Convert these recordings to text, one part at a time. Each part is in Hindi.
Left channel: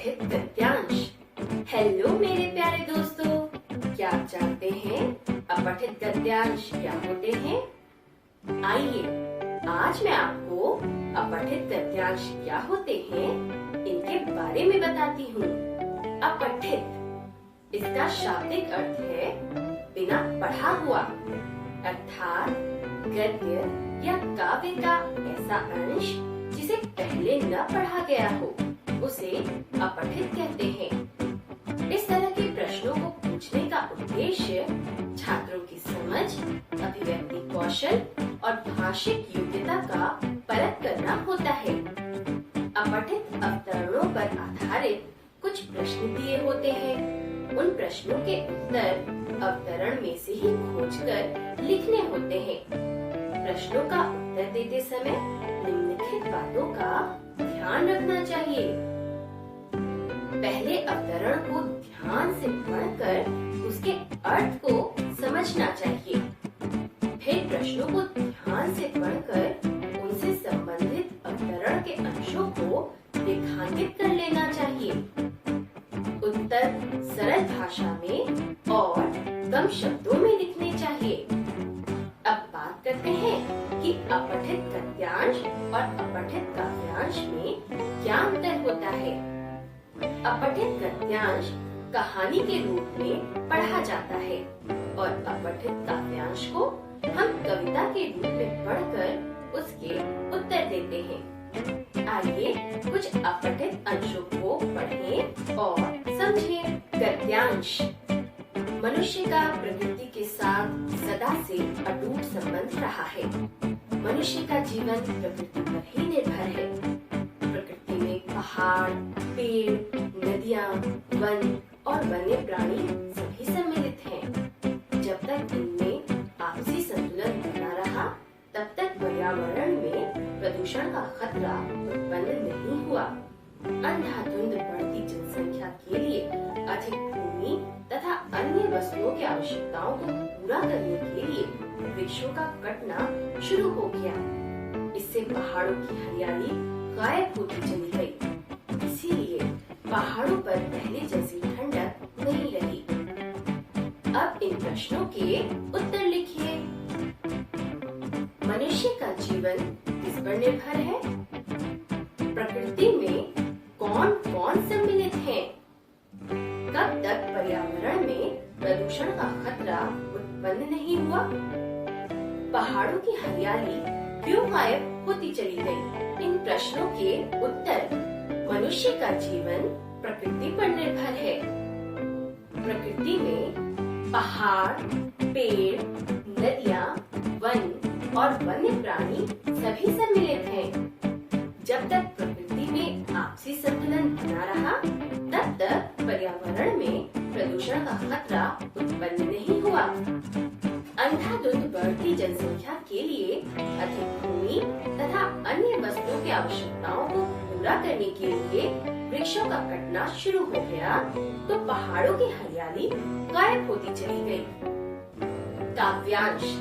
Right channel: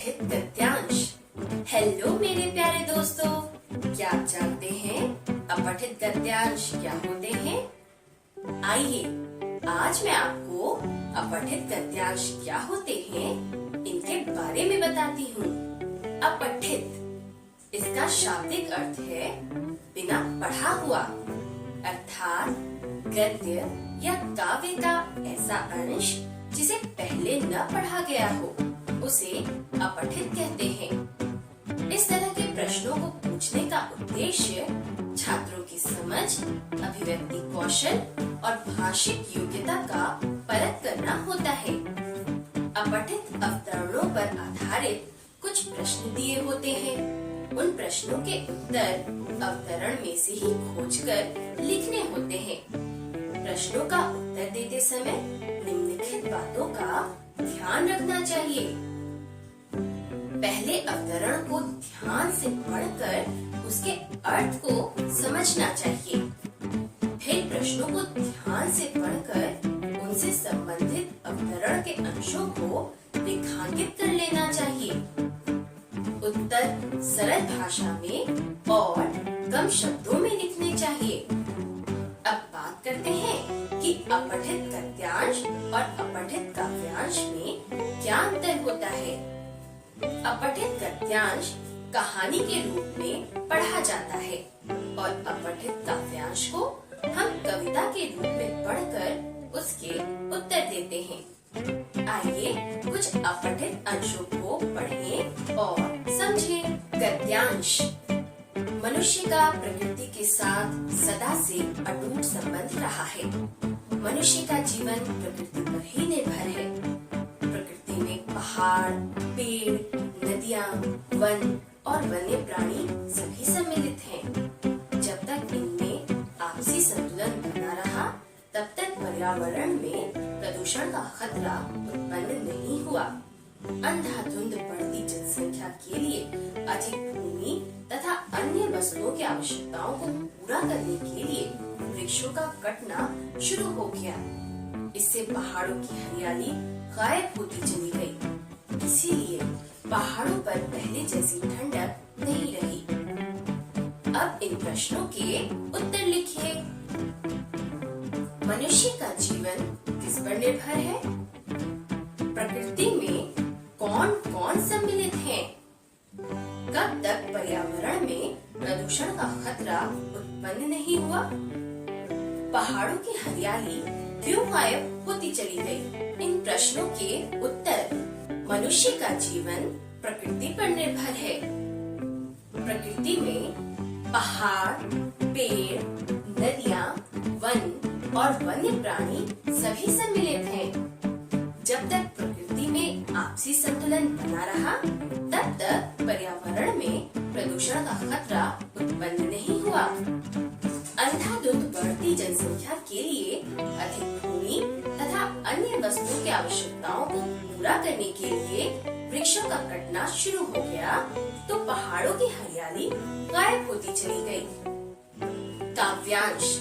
अपठित गद्यांश। हेलो मेरे प्यारे दोस्तों, क्या आप जानते हैं अपठित गद्यांश क्या होते हैं? आइए आज मैं आपको अपठित गद्यांश क्या होते हैं इनके बारे में बताती हूँ। अपठित इसका शाब्दिक अर्थ है बिना पढ़ा हुआ, अर्थात गद्य या काव्य का ऐसा अंश जिसे पहले न पढ़ा गया हो उसे अपठित कहते हैं। इस तरह के प्रश्नों को पूछने का उद्देश्य छात्रों की समझ, अभिव्यक्ति कौशल और भाषिक योग्यता का परख करना होता है। अपठित अवतरणों पर आधारित कुछ प्रश्न दिए होते हैं। उन प्रश्नों के उत्तर अवतरण में से ही खोजकर लिखने होते हैं। प्रश्नों का उत्तर देते समय निम्नलिखित बातों का ध्यान रखना चाहिए। पहले अवतरण को ध्यान से पढ़कर उसके अर्थ को समझना चाहिए। फिर प्रश्नों को ध्यान से पढ़कर उनसे संबंधित अवतरण के अंशों को रेखांकित कर लेना चाहिए। उत्तर सरल भाषा में और कम शब्दों में लिखने चाहिए। अब बात करते हैं कि अपठित गद्यांश और अपठित काव्यांश में क्या अंतर होता है। अपठित गद्यांश कहानी के रूप में पढ़ा जाता है और अपठित काव्यांश को हम कविता के रूप में पढ़कर उसके उत्तर देते हैं। आइए कुछ अपठित अंशों को पढ़ें और समझें। गद्यांश मनुष्य का प्रकृति के साथ सदा से अटूट संबंध रहा है। मनुष्य का जीवन प्रकृति पर ही निर्भर है। प्रकृति में पहाड़, पेड़, नदियाँ, वन और वन्य प्राणी सभी सम्मिलित हैं। जब तक इनमें आपसी संतुलन बना रहा, तब तक पर्यावरण में प्रदूषण का खतरा उत्पन्न नहीं हुआ। अंधाधुंध बढ़ती जनसंख्या के लिए अधिक भूमि तथा अन्य वस्तुओं की आवश्यकताओं को पूरा करने के लिए वृक्षों का कटना शुरू हो गया। इससे पहाड़ों की हरियाली गायब होती चली गई। इसीलिए पहाड़ों पर पहले जैसी ठंडक नहीं रही। अब इन प्रश्नों के उत्तर लिखिए। मनुष्य का जीवन किस पर निर्भर है? प्रकृति में कौन कौन सम्मिलित है? कब तक पर्यावरण में प्रदूषण का खतरा उत्पन्न नहीं हुआ? पहाड़ों की हरियाली क्यों गायब होती चली गई? इन प्रश्नों के उत्तर मनुष्य का जीवन प्रकृति पर निर्भर है। प्रकृति में पहाड़, पेड़, नदियाँ, वन और वन्य प्राणी सभी सम्मिलित हैं। जब तक प्रकृति में आपसी संतुलन बना रहा, तब तक पर्यावरण में प्रदूषण का खतरा उत्पन्न नहीं हुआ। अंधाधुंध बढ़ती जनसंख्या के लिए अधिक भूमि तथा अन्य वस्तुओं की आवश्यकताओं को पूरा करने के लिए वृक्षों का कटना शुरू हो गया, तो पहाड़ों की हरियाली गायब होती चली गई। काव्यांश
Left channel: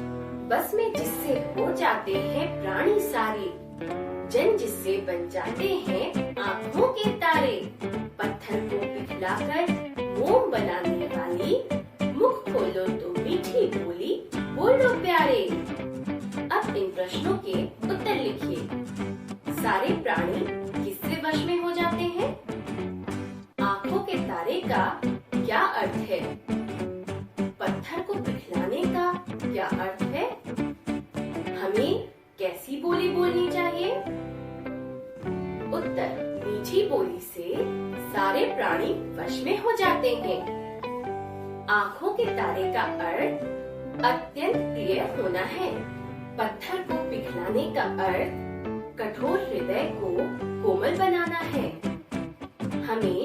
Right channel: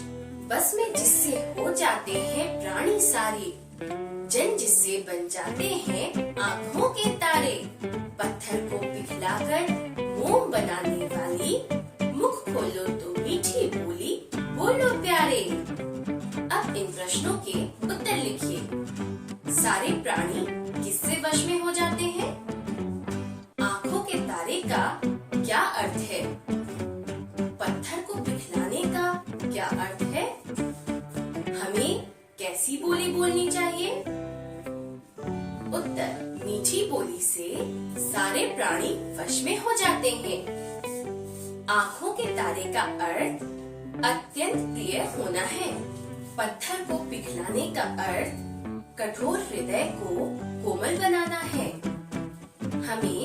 बस में जिससे हो जाते हैं प्राणी सारे, जन जिससे बन जाते हैं आँखों के तारे। पत्थर को पिघलाकर मोम बनाने वाली, मुख खोलो तो मीठी बोली बोलो प्यारे। अब इन प्रश्नों के उत्तर लिखिए। सारे प्राणी किससे वश में हो जाते हैं? आँखों के तारे का क्या अर्थ है? पत्थर को पिघलाने का क्या अर्थ है? हमें कैसी बोली बोलनी चाहिए? उत्तर मीठी बोली से सारे प्राणी वश में हो जाते हैं। आँखों के तारे का अर्थ अत्यंत प्रिय होना है। पत्थर को पिघलाने का अर्थ कठोर हृदय को कोमल बनाना है। हमें